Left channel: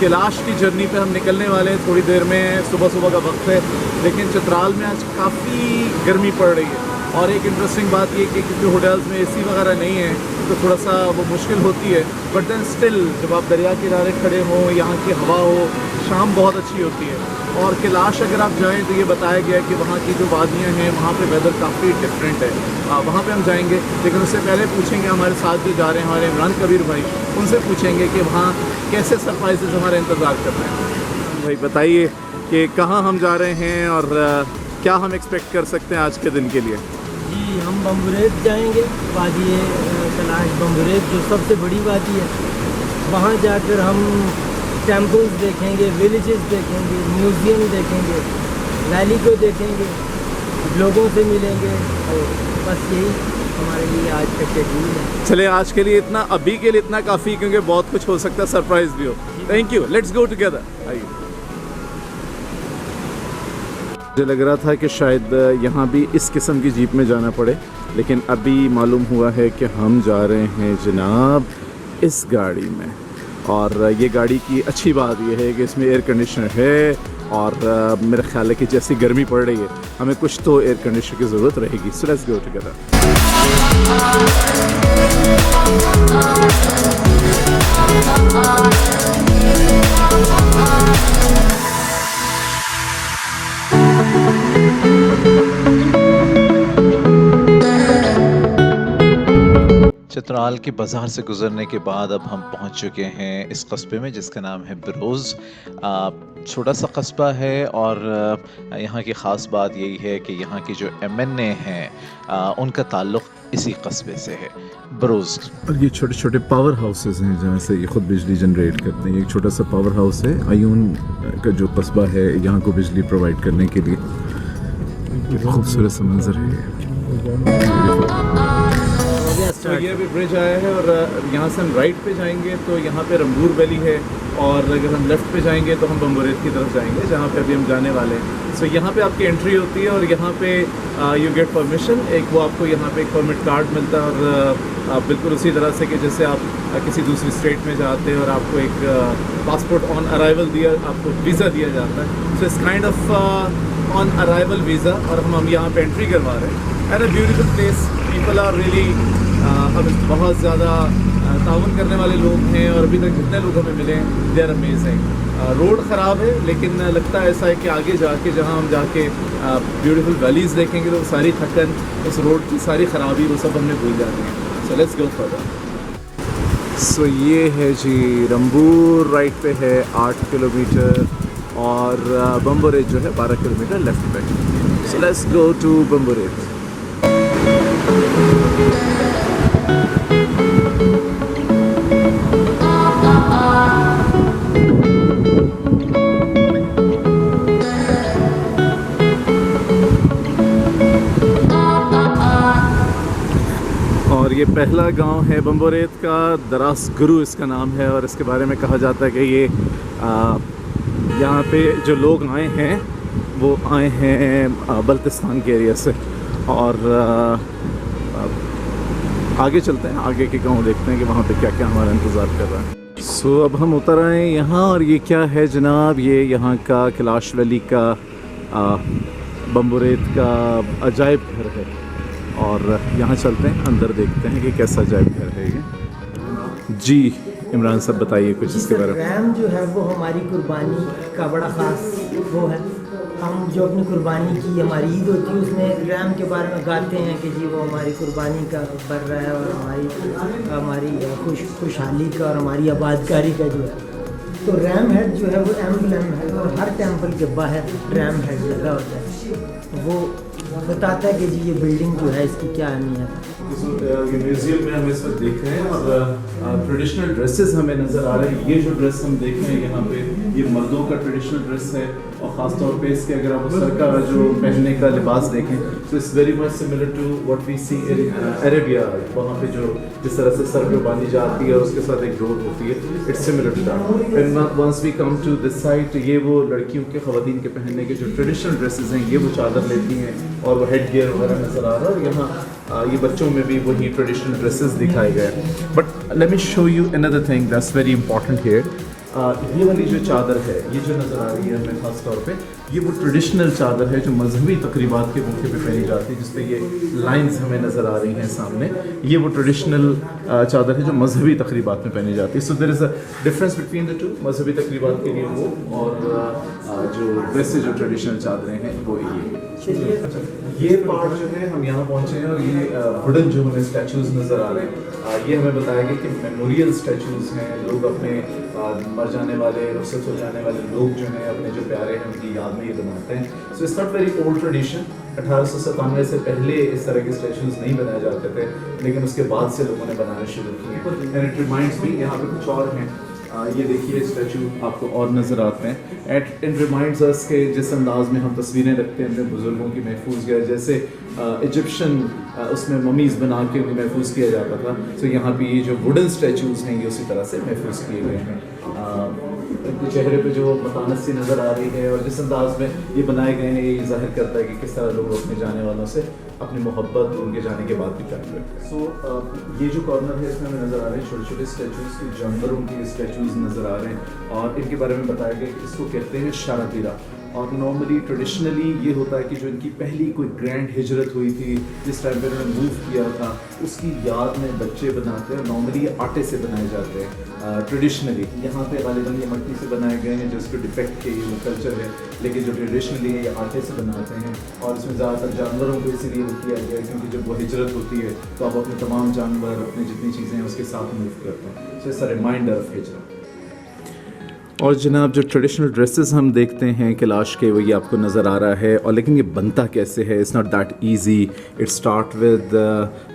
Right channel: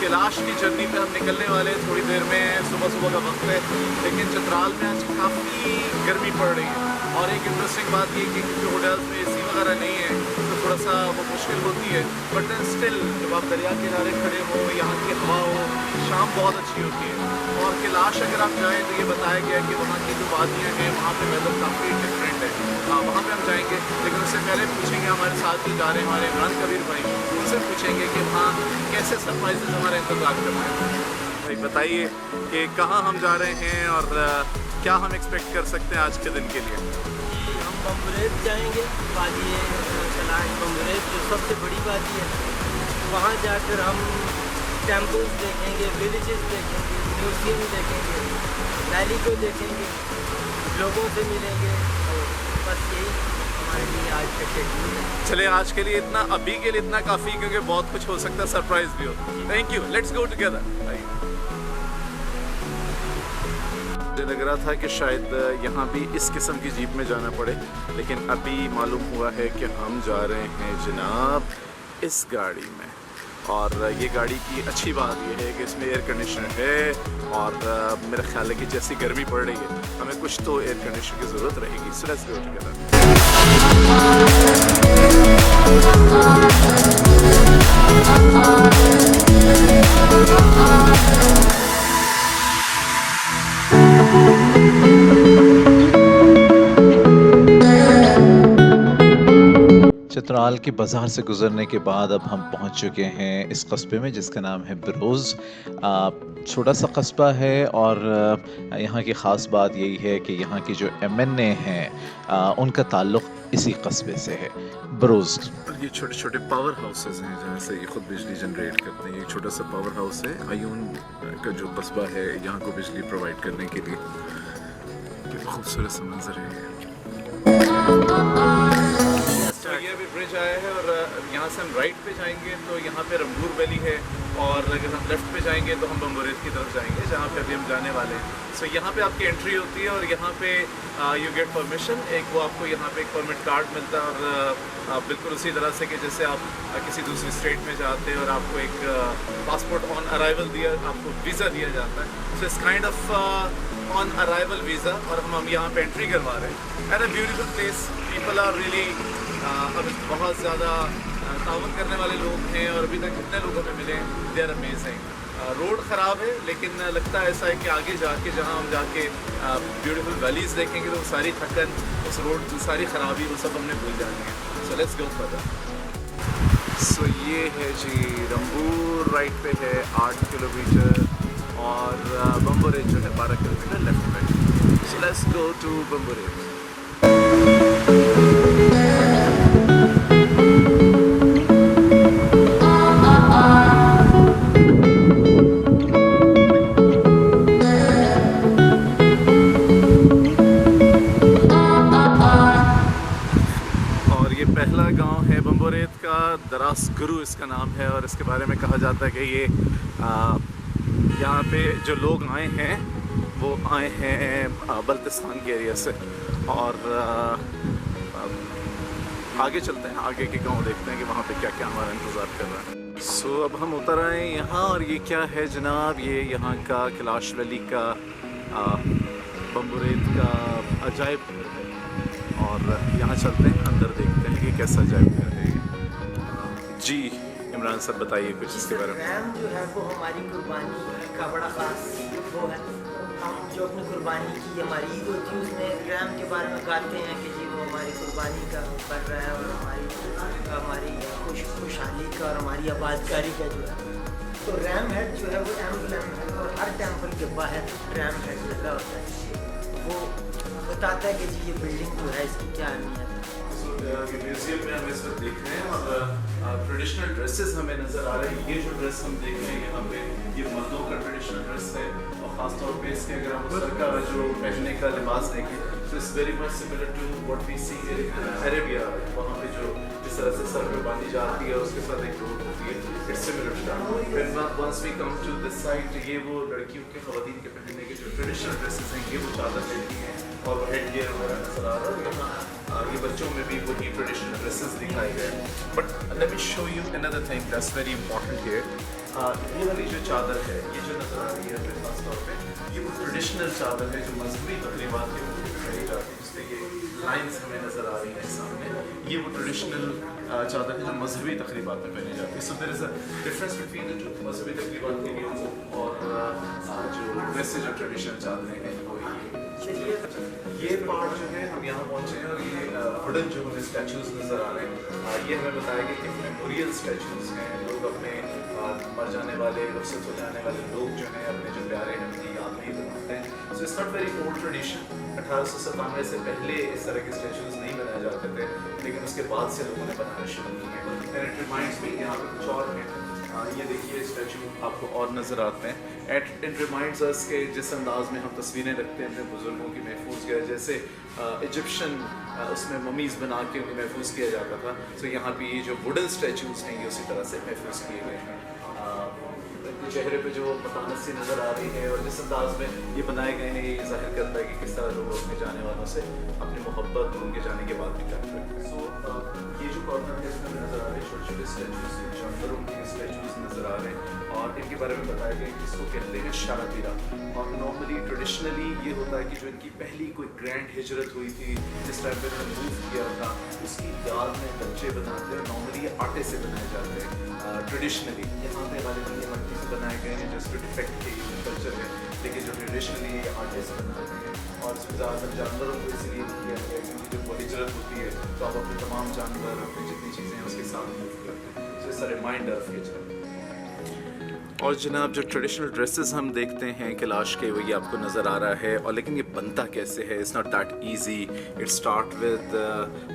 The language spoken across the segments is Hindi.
कैलाश की जर्नी पे हम निकलने वाले हैं थोड़ी देर में। सुबह सुबह का वक्त है, लेकिन चित्राल में आज काफ़ी गर्मी पड़ रही है। और एक इंटरेस्टिंग बात ये कि क्योंकि होटल्स में एसी वगैरह नहीं है तो थोड़ा सा वो मुश्किल होती है, बट देन स्टिल जब आप दरिया किनारे खड़े हो, यहाँ की हवा हो, शाम बहुत अच्छी होती है। और कैलाश अगर आप जाएं तो ये बताया गया है कि वहाँ की जो वादियाँ हैं वहाँ पे वेदर काफ़ी डिफरेंट है। वहाँ पे हम जाएंगे, लेकिन उससे पहले पूछेंगे हमारे साथ जो जा रहे हैं हमारे इमरान कबीर भाई, उनसे पूछेंगे कि वहाँ कैसे सरप्राइजेज हमारा इंतज़ार करना है। भाई बताइए कि कहाँ हम जा रहे हैं और क्या हम एक्सपेक्ट कर सकते हैं आज के दिन के लिए। जी, हम बम्बुरेत जाएंगे, वादी कैलाश बम्बुरेत जो सबसे बड़ी वादी है। वहाँ जाकर हम टेम्पल्स देखेंगे, विलेजेस देखेंगे, म्यूज़ियम देखेंगे, वैली को देखेंगे, लोगों से मिलेंगे। और बस यही हमारे लिए आज का शेड्यूल है। चलिए आज के लिए इतना, अभी के लिए इतना काफ़ी, क्योंकि बहुत कुछ हो सकता है, सरप्राइज भी हो। Thank you, let's go together. आइए। मुझे लग रहा था कि शायद यहाँ भी इस किस्म की जीप में जाना पड़े, लेकिन अभी मालूम हुआ है कि हम जा रहे हैं जनाब इस गाड़ी में। और ये गाड़ी की अच्छी बात यह है कि इसमें एयर कंडीशनर है और मेरा ख्याल है कि जैसी गर्मी पड़ रही है हमें कुछ तो एयर कंडीशनर की ज़रूरत रहेगी। सो लेट्स गो टुगेदर। चित्राल के बाज़ार से गुज़रने के बाद अब हम पहुंच चुके हैं इस कस्बे में जिसका नाम है बरोज़। छोटा सा कस्बा है और यहाँ की ख़ास बात यही है कि यहाँ की जो MNA हैं उनका ताल्लुक़ इसी कस्बे से है, बरोज़। और ये छोटे छोटे पावर हाउसेस हैं जहाँ से ये ख़ुद बिजली जनरेट करते हैं। एक छोटा सा पावर हाउस है, अयून का जो कस्बा है यहाँ को बिजली प्रोवाइड करने के लिए। खूबसूरत सा मंजर है। तो ये अभी ब्रिज आया है और यहाँ से हम राइट पे जाएंगे तो यहाँ पे रंबूर वैली है, और अगर हम लेफ़्ट पे जाएंगे तो हम बम्बुरेत की तरफ जाएंगे जहाँ पे अभी हम जाने वाले हैं। सो यहाँ पे आपकी एंट्री होती है और यहाँ पे यू गेट परमिशन। एक वो आपको यहाँ पे एक परमिट कार्ड मिलता है और बिल्कुल उसी तरह से कि जैसे आप किसी दूसरी स्टेट में जाते हैं और आपको एक पासपोर्ट ऑन अराइवल आपको वीज़ा दिया जाता है। So it's kind of on arrival visa, और हम यहाँ पे एंट्री करवा रहे हैं। And a beautiful place, people are really हमें बहुत ज़्यादा ताउन करने वाले लोग हैं, और अभी तक जितने लोग हमें मिले हैं दे आर अमेजिंग। रोड ख़राब है, लेकिन लगता है ऐसा है कि आगे जाके जहाँ हम जाके ब्यूटीफुल वैलीज़ देखेंगे तो सारी थकन, उस रोड की सारी ख़राबी, वो सब हमने भूल जाती हैं। सो लेट्स गो फर्दर। सो ये है जी रंबूर, राइट पे है 8 किलोमीटर, और बम्बुरेत जो है 12 किलोमीटर लेफ्ट पे। So let's go to Bumburet. और ये पहला गांव है बम्बुरेत का, दरास गुरु इसका नाम है, और इसके बारे में कहा जाता है कि ये यहाँ पे जो लोग आए हैं वो आए हैं बल्तिस्तान के एरिया से। और आगे चलते हैं, आगे के गांव देखते हैं कि वहाँ पे क्या क्या हमारा इंतज़ार कर रहा है। सो अब हम उतर आए हैं यहाँ, और ये क्या है जनाब, ये यहाँ का कैलाश वैली का बम्बुरेत का अजायब घर है। और यहाँ चलते हैं, अंदर देखते हैं कि कैसा अजायब घर है ये। जी इमरान साहब बताइए कुछ इसके बारे में। रैम जो है वो हमारी कुर्बानी का बड़ा ख़ास वो है। हम जो अपनी कुर्बानी की हमारी ईद होती है उसमें रैम के बारे में गाते हैं कि जी वो हमारी कुर्बानी का बढ़ रहा है, और हमारी खुशहाली का और हमारी आबादकारी का जो है। तो रैम हेड जो है वो एम्बलम है, और हर टेम्पल के बाहर रैम हेड लगा होता है। वो बताता है कि जी ये बिल्डिंग जो है इसकी क्या अहमियत है। ये म्यूजियम में हम इस वक्त देख रहे हैं, और ट्रेडिशनल ड्रेसेस हमें नज़र आ रहे हैं। ये जो ड्रेस हम देख रहे हैं यहाँ पे, ये मर्दों का ट्रेडिशनल ड्रेस है, और ख़ास तौर पे इसके अगर आप सर का जो पहनने का लिबास देखें तो it's very much similar to what we see in Arabia. वहाँ पे जो जिस तरह से सर पे बांधी जाती है और उसके साथ एक डोर होती है, it's similar to that. And once we come to this side, ये वो लड़कियों के, ख़वातीन के पहनने के जो ट्रेडिशनल ड्रेसेस हैं, ये वो चादर लेती हैं और वो हेड गियर वगैरह नज़र आ रहा है। और यहाँ ये बच्चों में भी वही ट्रेडिशनल ड्रेसेस दिखाए गए। But let me show you another thing that's very important here. ये वाली जो चादर है, ये जो नज़र आ रही है हमें ख़ास तौर पे, ये वो ट्रेडिशनल चादर है जो मजहबी तकरीबात के मौके पे पहनी जाती है, जिससे ये लाइंस हमें नज़र आ रही हैं सामने। ये वो ट्रेडिशनल चादर है जो मजहबी तकरीबात में पहनी जाती है। So there is a difference between the two, मजहबी तकरीबात के लिए वो और जो वैसे जो ट्रेडिशनल चादरें हैं वो ये पार्ट जो है हम यहाँ पहुँचे हैं और ये वुडन जो हमें स्टैचूज़ नज़र आ रहे हैं, ये हमें बताया गया कि मेमोरियल स्टैचूज़ हैं। लोग अपने मर जाने वाले, रुखसत हो जाने वाले लोग जो हैं, अपने जो प्यारे हैं उनकी याद में ये बनाते हैं। So it's not very old tradition. 1897 से पहले इस तरह के स्टैचूज़ नहीं बनाए जाते थे, लेकिन उसके बाद से लोगों ने बनाना शुरू किए। एंड इट रिमाइंड्स मी, यहाँ पे कुछ और हैं, ये देखिए स्टैचू आपको और नज़र आते हैं। इट रिमाइंड्स अस के जिस अंदाज में हम तस्वीरें रखते हैं अपने बुज़ुर्गों की महफूज किया, जैसे इजिप्शियन उसमें ममीज़ बना के उन्हें महफूज किया जाता था। सो यहाँ पे ये जो वुडन स्टैचूज़ हैं ये उसी तरह से महफूज किए गए हैं। इनके चेहरे पे जो मतानत सी नज़र आ रही है और जिस अंदाज में ये बनाए गए हैं, ये ज़ाहिर करता है कि किस तरह लोग अपने जाने वालों से अपनी मोहब्बत उनके जाने के बाद भी कायम रखते हैं। सो ये जो कॉर्नर है इसमें हमें नज़र आ रहे हैं छोटे छोटे स्टैचूज़, जानवरों के स्टैचूज़ नज़र आ रहे हैं और इनके बारे में बताया गया कि इसको कहते हैं शारतीरा। और नॉर्मली ट्रेडिशनली ये होता है कि जो इनकी पहली कोई ग्रैंड हिजरत हुई थी, जिस टाइम पे उन्होंने मूव किया था, उसकी याद में बच्चे बनाते हैं। नॉर्मली ये आटे से बनाए जाते हैं ट्रेडिशनली। यहाँ पे गालिबन ये मट्टी से बनाए गए हैं जिसको डिफेक्ट के वो कल्चर है, लेकिन जो ट्रेडिशनली ये आटे से बनाते हैं। और इसमें ज़्यादातर जानवरों को इसीलिए किया गया है क्योंकि जब वो हिजरत होती है तो आप अपने तमाम जानवर, अपनी जितनी चीज़ें हैं उसके साथ मूव करते हैं। So it's a reminder of हिजरत। और जनाब जो ट्रेडिशनल ड्रेसेस हम देखते हैं कैलाश के, वो ये आपको नज़र आ रहा है। और लेकिन ये बनता कैसे है, it's not that easy. It start with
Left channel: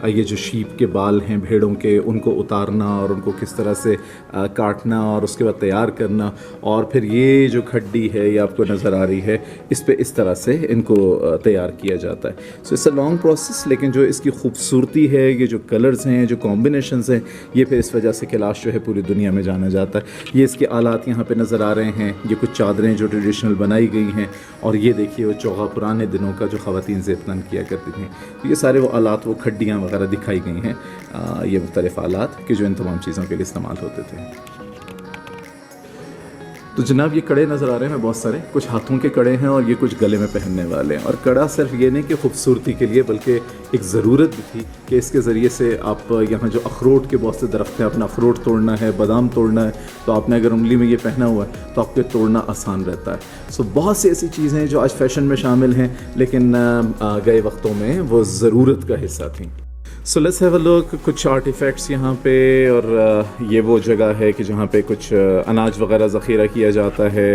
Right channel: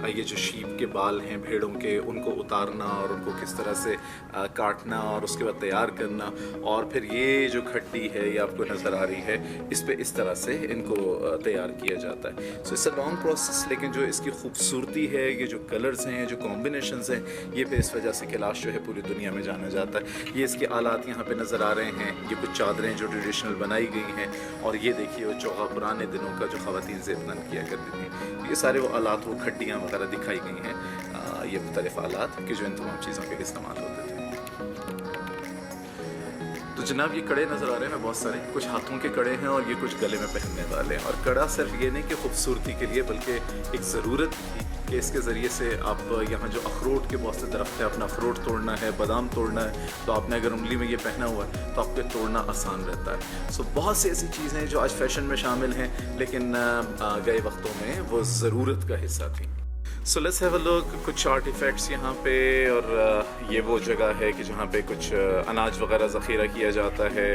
ये जो शीप के बाल हैं भेड़ों के, उनको उतारना और उनको किस तरह से काटना और उसके बाद तैयार करना, और फिर ये जो खड्डी है ये आपको नज़र आ रही है, इस पे इस तरह से इनको तैयार किया जाता है। So it's a long process, लेकिन जो इसकी खूबसूरती है, ये जो कलर्स हैं, जो कॉम्बिनेशंस हैं, ये फिर इस वजह से कैलाश जो है पूरी दुनिया में जाना जाता है। ये इसके आलात यहाँ पे नज़र आ रहे हैं। ये कुछ चादरें जो ट्रेडिशनल बनाई गई हैं, और ये देखिए वो चौगा पुराने दिनों का जो ख़वातीन ज़ेबतन किया करती थी। तो ये सारे वो आलात, वो खड्डियाँ वगैरह दिखाई गई हैं, ये मुख्तलिफ़ आलात कि जो इन तमाम चीज़ों के लिए इस्तेमाल होते थे। तो जनाब ये कड़े नज़र आ रहे हैं बहुत सारे, कुछ हाथों के कड़े हैं और ये कुछ गले में पहनने वाले हैं। और कड़ा सिर्फ ये नहीं कि खूबसूरती के लिए, बल्कि एक ज़रूरत भी थी कि इसके ज़रिए से आप यहाँ जो अखरोट के बहुत से दरख्त हैं, अपना अखरोट तोड़ना है, बादाम तोड़ना है, तो आपने अगर उंगली में ये पहना हुआ है तो आपको तोड़ना आसान रहता है। सो बहुत सी ऐसी चीज़ें हैं जो आज फ़ैशन में शामिल हैं, लेकिन गए वक्तों में वो ज़रूरत का हिस्सा थी। So let's have a look, कुछ आर्टिफैक्ट्स यहाँ पे। और ये वो जगह है कि जहाँ पे कुछ अनाज वगैरह ज़ख़ीरा किया जाता है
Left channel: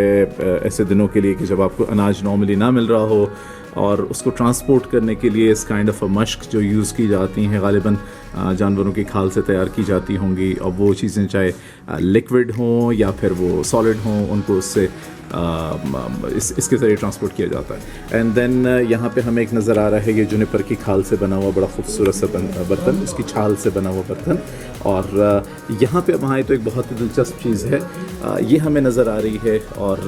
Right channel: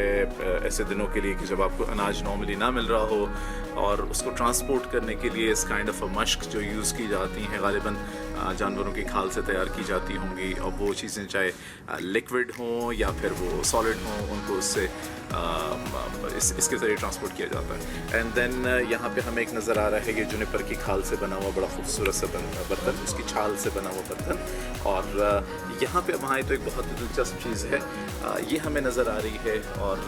ऐसे दिनों के लिए कि जब आपको अनाज नॉर्मली ना मिल रहा हो, और उसको ट्रांसपोर्ट करने के लिए इस काइंड ऑफ अ मश्क जो यूज़ की जाती हैं, ग़ालिबन जानवरों की खाल से तैयार की जाती होंगी। और वो चीज़ें चाहे लिक्विड हों या फिर वो सॉलिड हों, उनको उससे इसके ज़रिए ट्रांसपोर्ट किया जाता है। एंड देन यहाँ पे हमें एक नज़र आ रहा है ये जुनिपर की खाल से बना हुआ बड़ा खूबसूरत सा बर्तन, उसकी छाल से बना हुआ बर्तन। और यहाँ पे वहाँ तो एक बहुत ही दिलचस्प चीज़ है, ये हमें नज़र आ रही है। और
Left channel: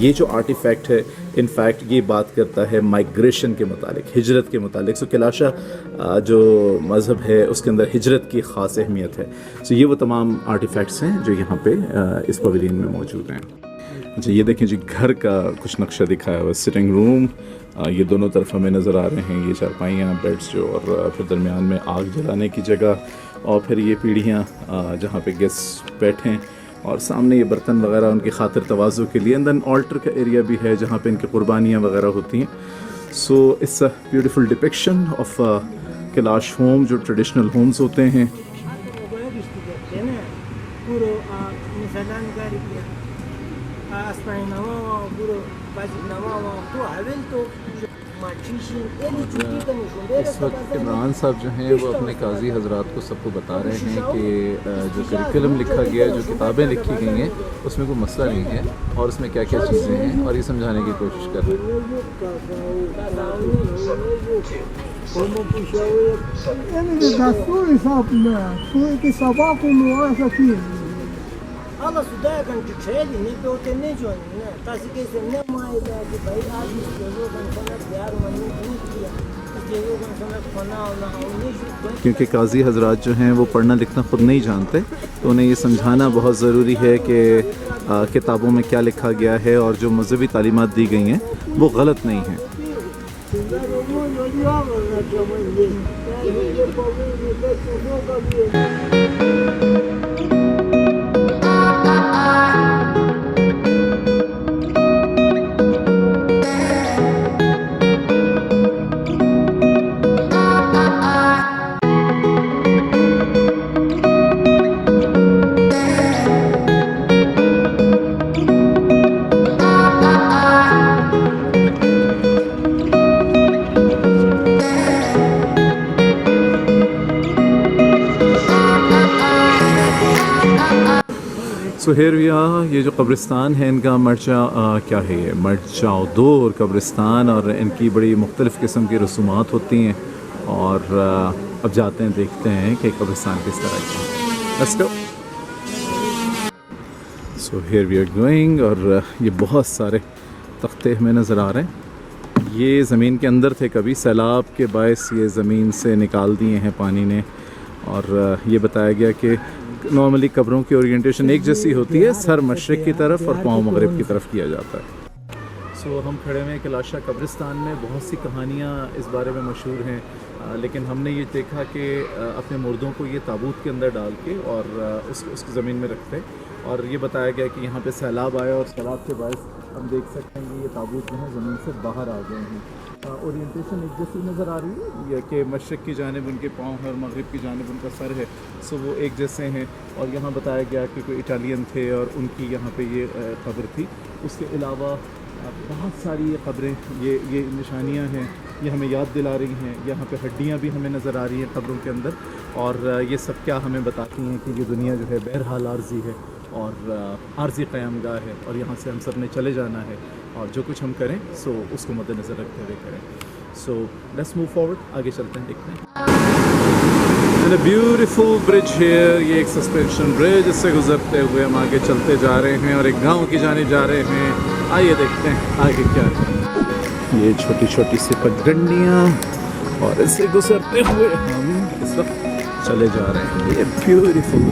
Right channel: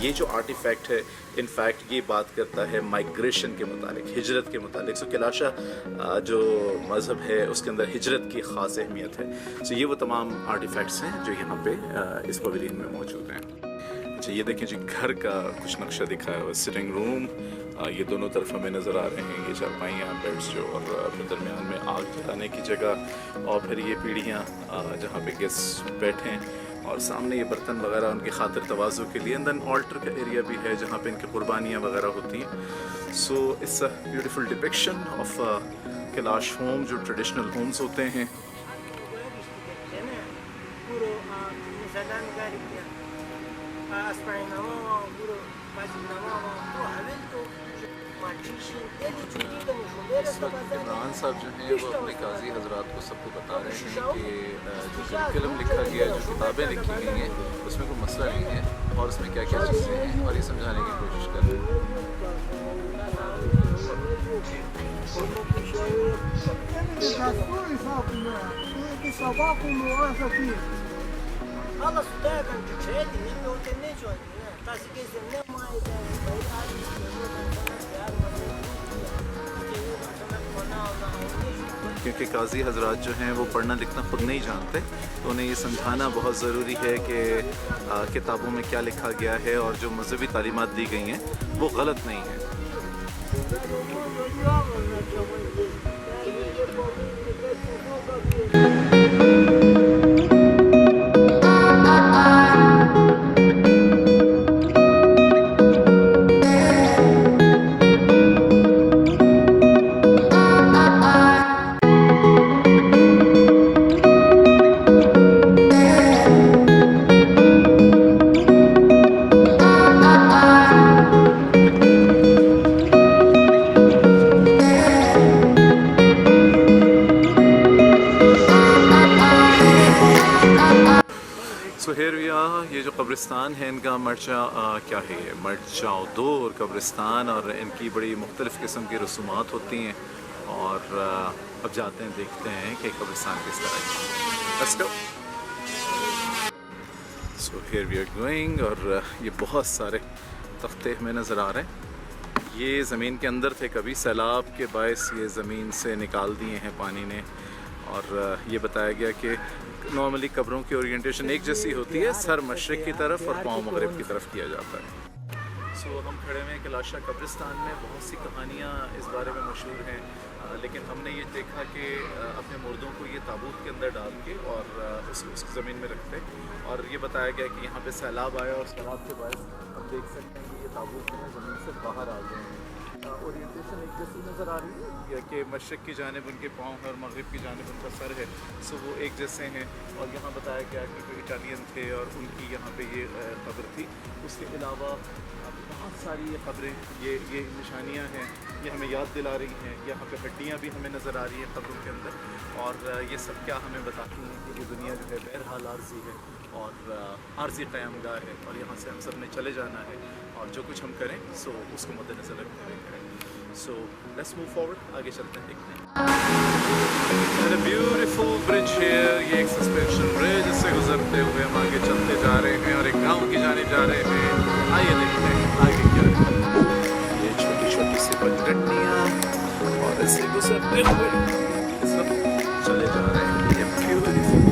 ये जो आर्टिफैक्ट है, इनफैक्ट ये बात करता है माइग्रेशन के मुतालिक, हिजरत के मुतालिक। सो कैलाशा जो मज़हब है उसके अंदर हिजरत की ख़ास अहमियत है। सो ये वो तमाम आर्टिफैक्ट्स हैं जो यहाँ पे इस पवेलियन में मौजूद हैं। अच्छा ये देखें जी, घर का कुछ नक्शा दिखाया हुआ, सिटिंग रूम, ये दोनों तरफ हमें नज़र आ रहे हैं, ये चारपाइयाँ, बेड्स जो, और फिर दरमियान में आग जलाने की जगह, और फिर ये पीढ़ियाँ जहाँ पे गेस्ट बैठें, और सामने ये बर्तन वगैरह उनकी खातिर तवाज़ु के लिए। एंड देन ऑल्टर का एरिया भी है जहाँ पे इनकी कुर्बानियाँ वगैरह होती हैं। So it's a beautiful depiction of Kailash home, जो ट्रेडिशनल होम्स होते हैं। इस वक्त इमरान साहब जो हैं वो अपने काजी हजरात को सबको बता रहे हैं कि जो करिकुलम लिखा गया है, जो किताबें लिखी गई हैं, उसमें कोई मसला नहीं है और उसमें क्या क्या चीज़ें हैं, और ये समझाने की कोशिश कर रहे हैं। Allah sudaya kan çeli ne pe ote ne joni ne tasi ke se ne mai da ke bhai aaj isko lo kan sana pyar manne नहीं किया क्योंकि काजी हजरात जो हैं वो पढ़ना लिखना ख़ुद नहीं जानते, तो उन्हें ये समझाना बहुत ज़रूरी है कि किताबों में क्या लिखा गया है और जो मजहबी तालीमात दी गई हैं वो गलत नहीं हैं। सो हेयर वी आर, ये जो कब्रिस्तान है इनका क्या है ये मरजाओ दूर कब्रिस्तान, और इनकी बड़ी मुख्तलिफ़ किस्म की रसूमात होती हैं। और अब जाते हैं देखते हैं कि कब्रिस्तान किस तरह का है। Let's go. So here we are going, और ये बहुत सारे तख्ते हमें नज़र आ रहे हैं। ये ज़मीन के अंदर थे, कभी सैलाब के बायस ये ज़मीन से निकाल दिए हैं पानी ने। और ये बताया गया कि नॉर्मली कब्रों की ओरिएंटेशन एक जैसी होती है, सर मशरिक़ की तरफ और पाँव मगरिब की तरफ किया जाता है। सो हम खड़े हैं कलाशा कब्रिस्तान में। बहुत सी कहानियाँ इस बारे में मशहूर हैं, लेकिन हमने ये देखा कि अपने मुर्दों को ये ताबूत के अंदर डाल के और उसको ज़मीन में रखते। और ये बताया गया कि यहाँ पे सैलाब आया और सैलाब के बायस हम देख सकते हैं कि ये ताबूत जो है ज़मीन से बाहर आ गए हैं। ओरिएंटेशन एक जैसी नज़र आ रही है, ये कि मशरिक़ की जानिब उनके पाँव और मगरिब की जानिब उनका सर है, सो वो एक जैसे हैं। और यहाँ बताया गया कि कोई इटालियन थे और उनकी यहाँ पे ये कब्र थी। उसके अलावा बहुत सारी ये क़ब्रें, ये निशानियाँ हैं, ये हमें याद दिला रही हैं। यहाँ पे हड्डियाँ भी हमें नज़र आ रही हैं कब्रों के अंदर, और ये सब क्या हमें बताती हैं कि ये दुनिया जो है बहरहाल आर्जी है और आर्जी क़यामगाह है, और यहाँ से हम सब ने चले जाना है, और जो कुछ हम करें सो उसको मद्देनज़र रखते हुए करें। सो लेट्स मूव फॉरवर्ड, आगे चलते हैं, देखते हैं। And a beautiful bridge here, ये एक सस्पेंशन ब्रिज, इससे गुजरते हुए हम आगे चलते जा रहे हैं और एक गांव की जानिब जा रहे हैं। आइए देखते हैं आगे क्या है। ये छोटी छोटी सी पगडंडियाँ, और इससे गुजरते हुए हम इस वक्त चले जा रहे हैं। ये ब्यूटीफुल